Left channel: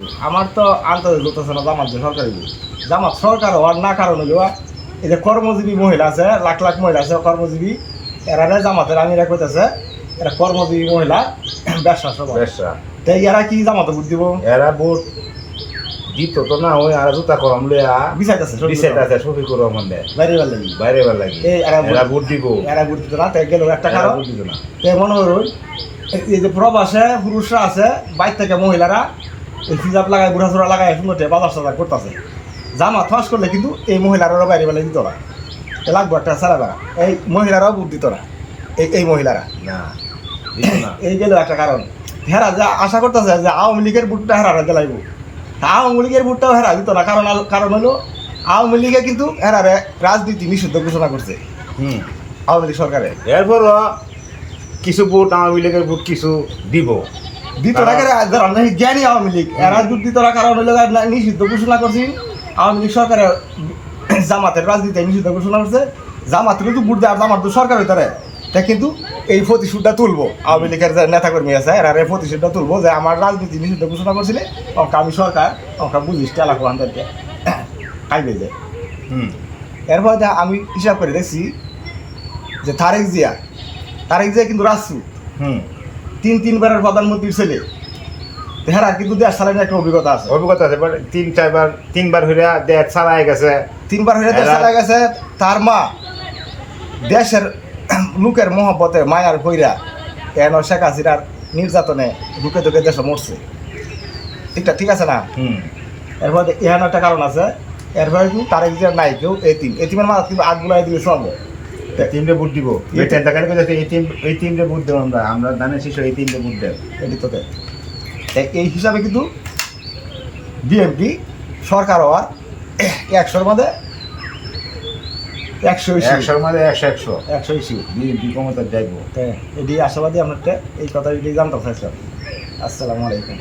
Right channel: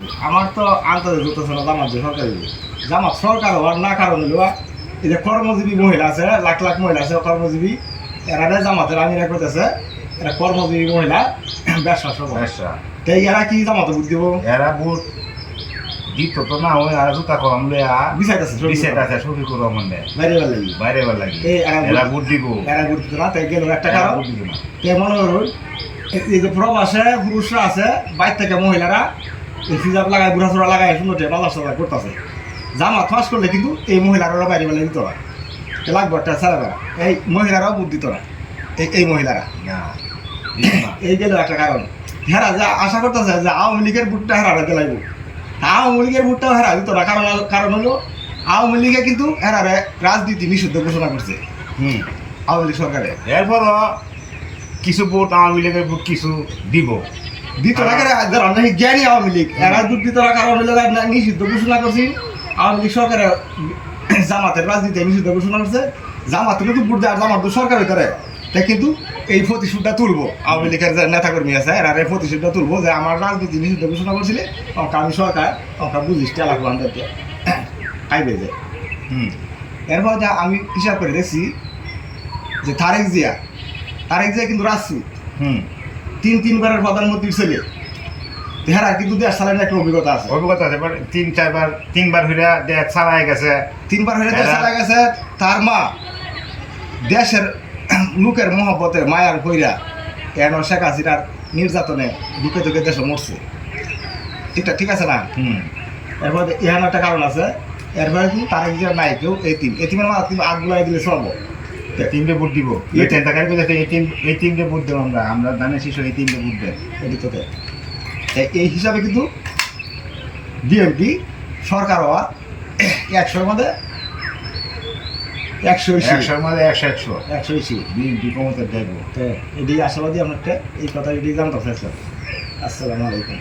আমার তো আন্তর্জাতিক যুক্তছে না জামাত যে সরকারি জামাত সরকার হওয়ার না কারণ হইল এই যে কর্মজীবী মহিলা আছে, লাখ লাখ মহিলা আছে কর্মজীবী, এরা জামাতের আমিরা কইতেছে এরা কর্মজীবী মহিলা ব্যবসা সব ব্যবসা তাই এরা কি জামাতে ভোট দিব? এরা ভোট দিত তো না, ওই আর জুতা কলম লইয়া বিচাইতেছে শফিকুর রহমান দেয় বাইরে বার লাগি বাইরে বার লাগে এরা ভোট দিব, এরা ভোট দিত না। তাই গেল একটা কারণ ভোট দিত না। তাই মনে করুন এই যে প্রবাসে পুরুষরা আছে, বাইর থেকে মহিলারা এই ফিজাব লাগায় বুড়াচোড়া লাগায় সুন্দর বাজার সাজার করতেছে। জামাত ফাঁস করলে কিন্তু এই মহিলারা বাইরে বেলা দিত না, এ লাগবো একটা সারা বেড়া এই মহিলারাও ভোট দিত না। এই মহিলারা না দিত না। এই গেল একটা কারণ। হেরা যা আশা করতেছে যে আওয়ামী লীগের ভোটটা হেরারা দিলাইব, আওয়ামী লীগের ভোটটাও হেরা দিত না। কারণ হলো আওয়ামী লীগে কিন্তু হেরারে রাজনীতি নিষিদ্ধ ঘোষণা করছে আওয়ামী লীগ সরকারে। এরপরও কিছু ভোট আওয়ামী লীগের ভোট কিছু দিব দিত না জ্ঞানী আওয়ামী লীগ এরা ভোট দিত না, কারণ হলো নিষিদ্ধ ঘোষণা করছি আওয়ামী লীগ সরকারের জামাতের রাজনীতি নিষিদ্ধ ঘোষণা করছে। জামাত কিন্তু ভোট দেয় আর জামাত সরকার হইতে তাই কিন্তু এই প্রতিশোধটা তুলবো আওয়ামী লীগের যে নেতাকর্মী আছে এরা এই প্রতিশোধটা তুলবো যে আমার রাজনীতি নিষিদ্ধ ঘোষণা করছিলে অঙ্কা আমি সরকার অঙ্কা বুঝিস এলাকা আনতে খাইবে যায়। এরপর যা আমি হিসাব করে দেখছি যে তারেক জিয়া কিন্তু রাজনীতি তিনবারের প্রধানমন্ত্রীর ছেলে, হেরার কিন্তু দেশ চালানোর একটা অভিজ্ঞতা আছে। তিনবার হইয়া দেশ চালায় গেছে, তিনবার হইয়া দেশ চালায় গেছে। তার মা দেশের লোকের মহব্বতে মায়ার কইরা কেন শেখ হাসিনার নির্যাতনে ঢুকে দেশে মরছে। ঠিক আছে না? এরপরে এখানে একটা কারণ আছে। এরপরে কিন্তু তারেক জিয়ার নাই কেউ এতিমের মা কিন্তু আগ গুলাই দিলে সব তিনটে ভোট দিব। এই তিনটে ভোট দেবো আমরা ধানের শিশু এই তিনটে ভোট দেব এদিকে। এই হিসাবে কিন্তু বিএনপি সরকার হওয়ার 100-র মধ্যে 100 বিএনপি ক্ষমতা যাইব। এটি আশাবাদী। আপনারটা এই কথা এটি জানতে চাইছেন। আসসালামু আলাইকুম।